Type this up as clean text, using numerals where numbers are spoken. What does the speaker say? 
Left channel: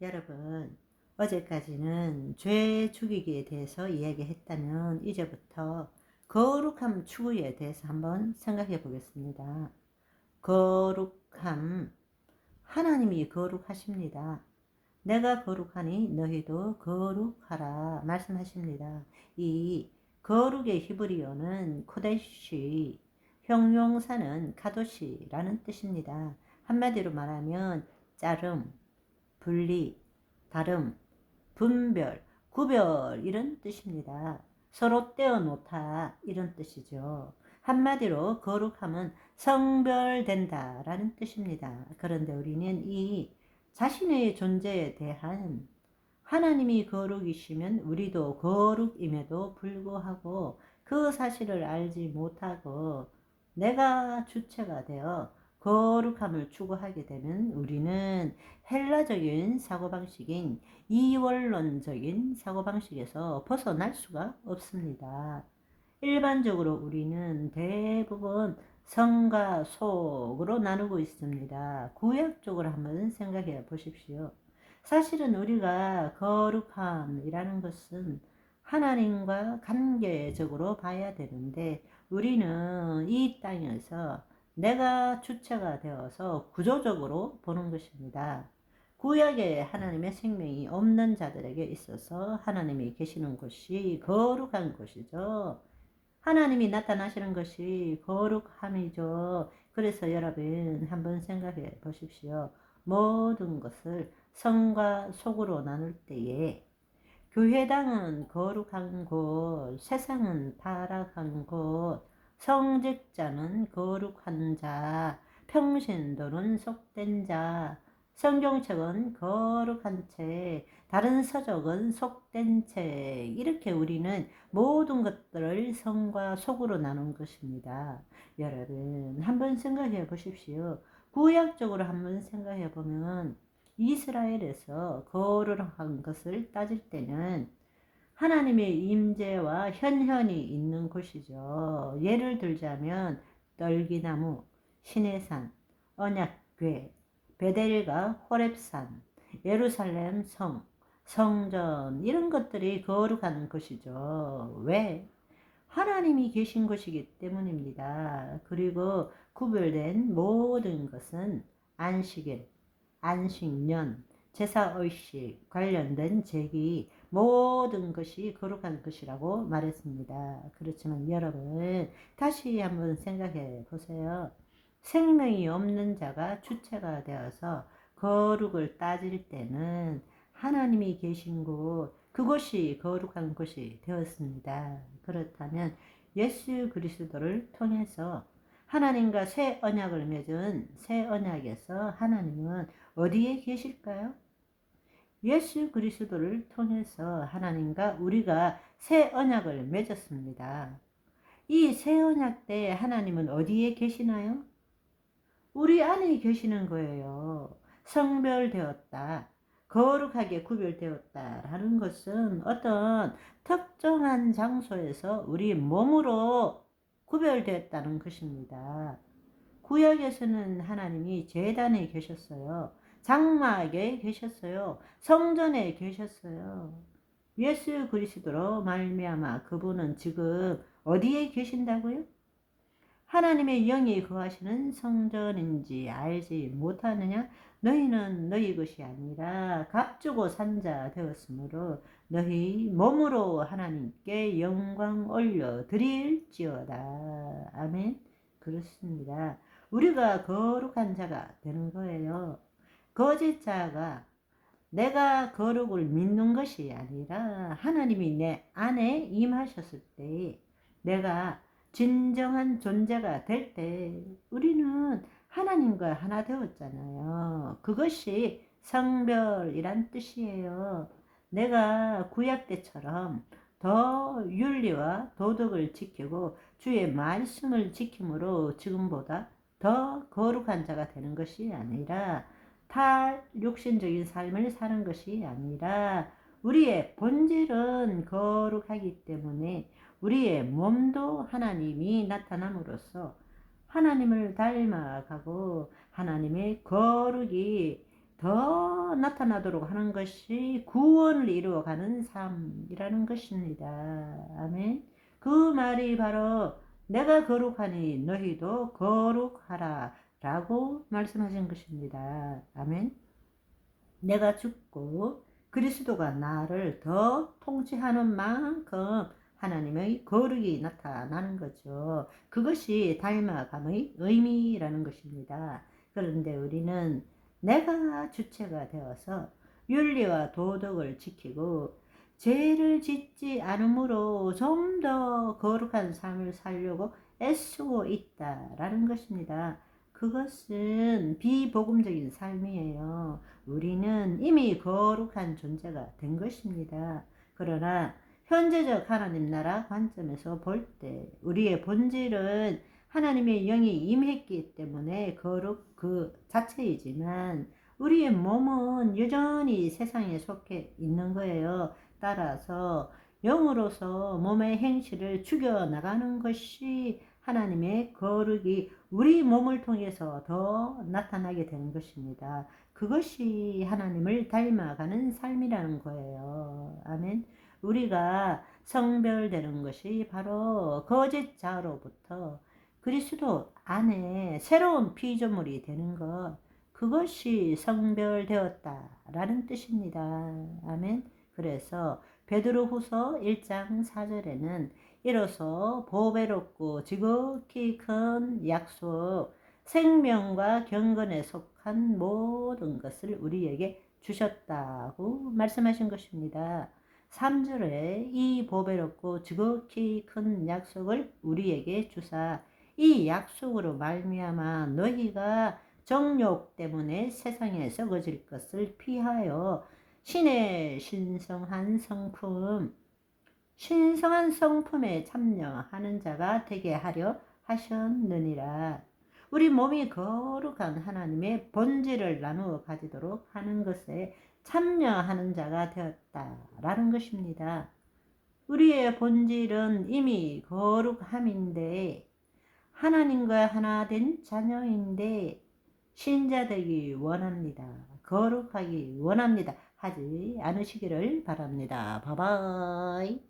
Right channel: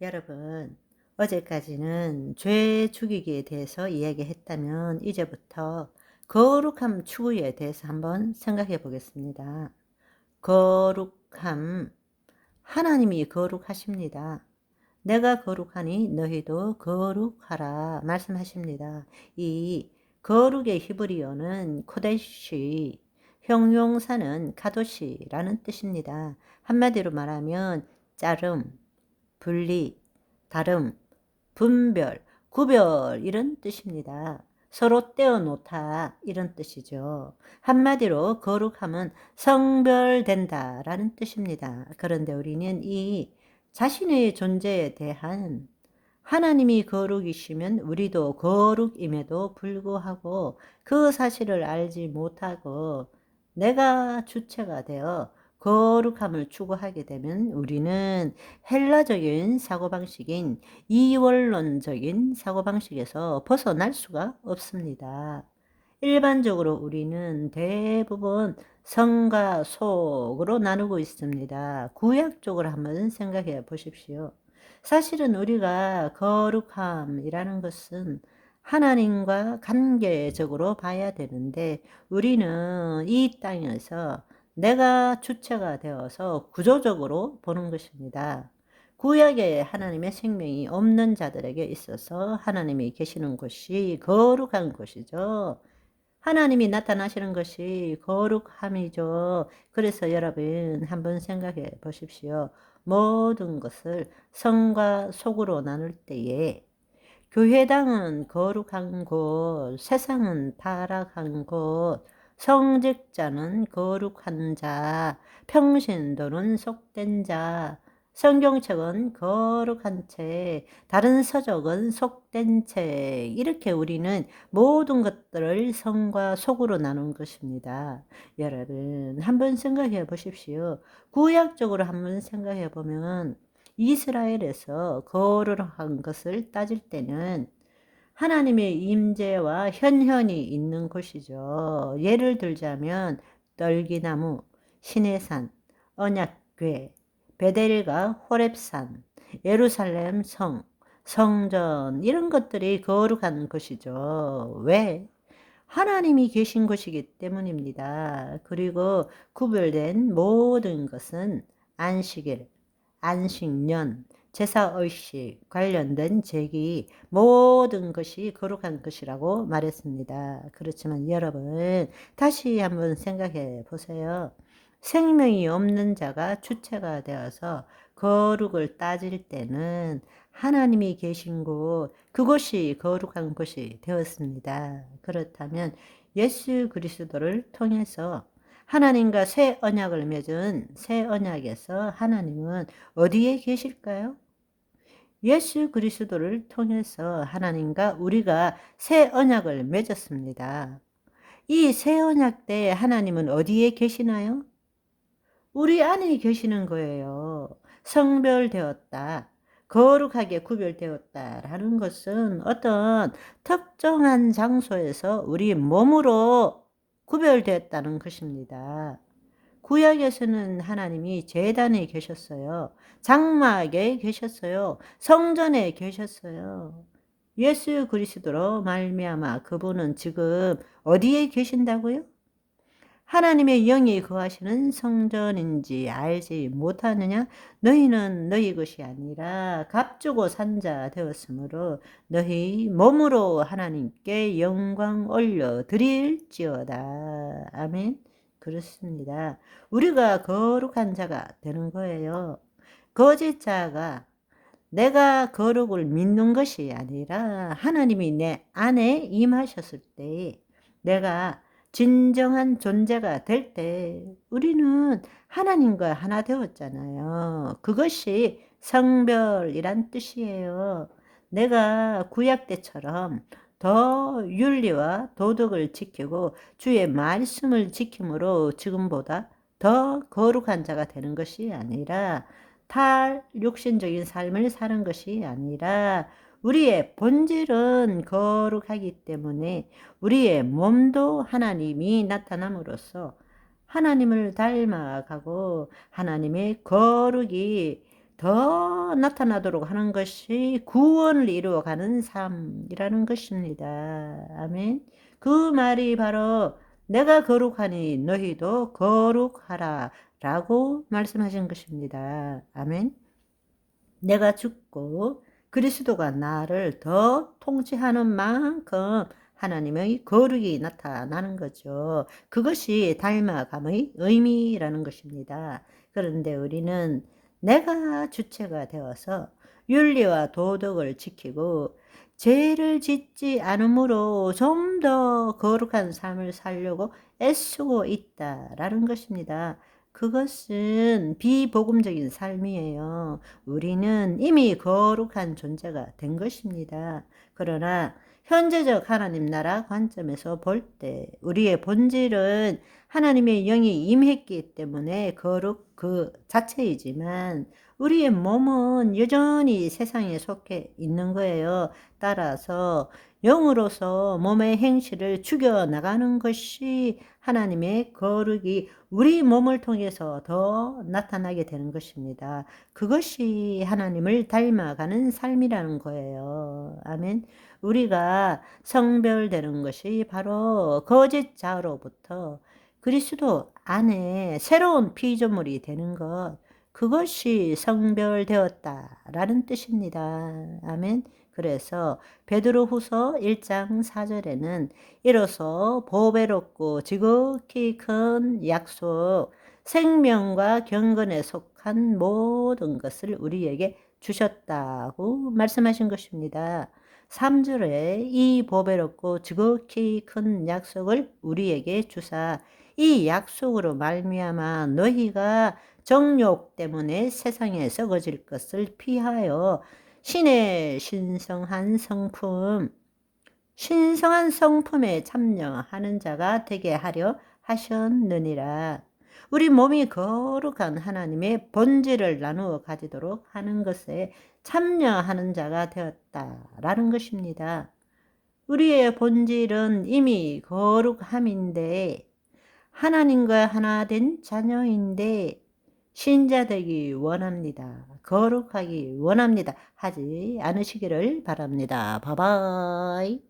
여러분, 어제까지는 죄 죽이기에 대해서 이야기했다면 이제부터 거룩함 추구에 대해서 한번 생각해 보겠습니다. 거룩함, 하나님이 거룩하십니다. 내가 거룩하니 너희도 거룩하라 말씀하십니다. 이 거룩의 히브리어는 코데시, 형용사는 카도시라는 뜻입니다. 한마디로 말하면 자름, 분리, 다름, 분별, 구별 이런 뜻입니다. 서로 떼어놓다 이런 뜻이죠. 한마디로 거룩함은 성별된다 라는 뜻입니다. 그런데 우리는 이 자신의 존재에 대한 하나님이 거룩이시면 우리도 거룩임에도 불구하고 그 사실을 알지 못하고 내가 주체가 되어 거룩함을 추구하게 되면 우리는 헬라적인 사고방식인 이원론적인 사고방식에서 벗어날 수가 없습니다. 일반적으로 우리는 대부분 성과 속으로 나누고 있습니다. 구약적으로 한번 생각해 보십시오. 사실은 우리가 거룩함이라는 것은 하나님과 관계적으로 봐야 되는데 우리는 이 땅에서 내가 주체가 되어서 구조적으로 보는 것입니다. 구약에 하나님의 생명이 없는 자들에게 있어서 하나님이 계시는 곳이 거룩한 곳이죠. 하나님이 나타나시는 것이 거룩함이죠. 그래서 여러분 한번 생각해 보십시오. 모든 것을 성과 속으로 나눌 때에 교회당은 거룩한 곳, 세상은 타락한 곳, 성직자는 거룩한 자, 평신도는 속된 자, 성경책은 거룩한 책, 다른 서적은 속된 책, 이렇게 우리는 모든 것들을 성과 속으로 나눈 것입니다. 여러분 한번 생각해 보십시오. 구약적으로 한번 생각해 보면 이스라엘에서 거룩한 것을 따질 때는 하나님의 임재와 현현이 있는 곳이죠. 예를 들자면 떨기나무, 시내산, 언약궤, 베델과 호렙산, 예루살렘 성, 성전 이런 것들이 거룩한 것이죠. 왜? 하나님이 계신 곳이기 때문입니다. 그리고 구별된 모든 것은 안식일, 안식년, 제사의식 관련된 제기 모든 것이 거룩한 것이라고 말했습니다. 그렇지만 여러분 다시 한번 생각해 보세요. 생명이 없는 자가 주체가 되어서 거룩을 따질 때는 하나님이 계신 곳 그곳이 거룩한 곳이 되었습니다. 그렇다면 예수 그리스도를 통해서 하나님과 새 언약을 맺은 새 언약에서 하나님은 어디에 계실까요? 예수 그리스도를 통해서 하나님과 우리가 새 언약을 맺었습니다. 이 새 언약 때 하나님은 어디에 계시나요? 우리 안에 계시는 거예요. 성별되었다. 거룩하게 구별되었다라는 것은 어떤 특정한 장소에서 우리 몸으로 구별되었다는 것입니다. 구약에서는 하나님이 제단에 계셨어요. 장막에 계셨어요. 성전에 계셨어요. 예수 그리스도로 말미암아 그분은 지금 어디에 계신다고요? 하나님의 영이 거하시는 성전인지 알지 못하느냐? 너희는 너희 것이 아니라 값주고 산 자 되었으므로 너희 몸으로 하나님께 영광 올려 드릴지어다. 아멘. 그렇습니다. 우리가 거룩한 자가 되는 거예요. 거짓 자가 내가 거룩을 믿는 것이 아니라 하나님이 내 안에 임하셨을 때 내가 진정한 존재가 될 때 우리는 하나님과 하나 되었잖아요. 그것이 성별이란 뜻이에요. 내가 구약 때처럼 더 윤리와 도덕을 지키고 주의 말씀을 지킴으로 지금보다 더 거룩한 자가 되는 것이 아니라 탈육신적인 삶을 사는 것이 아니라 우리의 본질은 거룩하기 때문에 우리의 몸도 하나님이 나타남으로써 하나님을 닮아가고 하나님의 거룩이 더 나타나도록 하는 것이 구원을 이루어가는 삶이라는 것입니다. 아멘. 그 말이 바로 내가 거룩하니 너희도 거룩하라 라고 말씀하신 것입니다. 아멘. 내가 죽고 그리스도가 나를 더 통치하는 만큼 하나님의 거룩이 나타나는 거죠. 그것이 닮아감의 의미라는 것입니다. 그런데 우리는 내가 주체가 되어서 윤리와 도덕을 지키고 죄를 짓지 않으므로 좀 더 거룩한 삶을 살려고 애쓰고 있다라는 것입니다. 그것은 비복음적인 삶이에요. 우리는 이미 거룩한 존재가 된 것입니다. 그러나 현재적 하나님 나라 관점에서 볼 때 우리의 본질은 하나님의 영이 임했기 때문에 거룩 그 자체이지만 우리의 몸은 여전히 세상에 속해 있는 거예요. 따라서 영으로서 몸의 행실을 죽여나가는 것이 하나님의 거룩이 우리 몸을 통해서 더 나타나게 되는 것입니다. 그것이 하나님을 닮아가는 삶이라는 거예요. 아멘. 우리가 성별되는 것이 바로 거짓 자로부터 그리스도 안에 새로운 피조물이 되는 것, 그것이 성별되었다라는 뜻입니다. 아멘. 그래서 베드로후서 1장 4절에는 이로써 보배롭고 지극히 큰 약속, 생명과 경건에 속한 모든 것을 우리에게 주셨다고 말씀하신 것입니다. 3절에 이 보배롭고 지극히 큰 약속을 우리에게 주사 이 약속으로 말미암아 너희가 정욕 때문에 세상에 썩어질 것을 피하여 신의 신성한 성품에 참여하는 자가 되게 하려 하셨느니라. 우리 몸이 거룩한 하나님의 본질을 나누어 가지도록 하는 것에 참여하는 자가 되었다라는 것입니다. 우리의 본질은 이미 거룩함인데 하나님과 하나 된 자녀인데 신자되기 원합니다. 거룩하기 원합니다. 하지 않으시기를 바랍니다. 바이바이.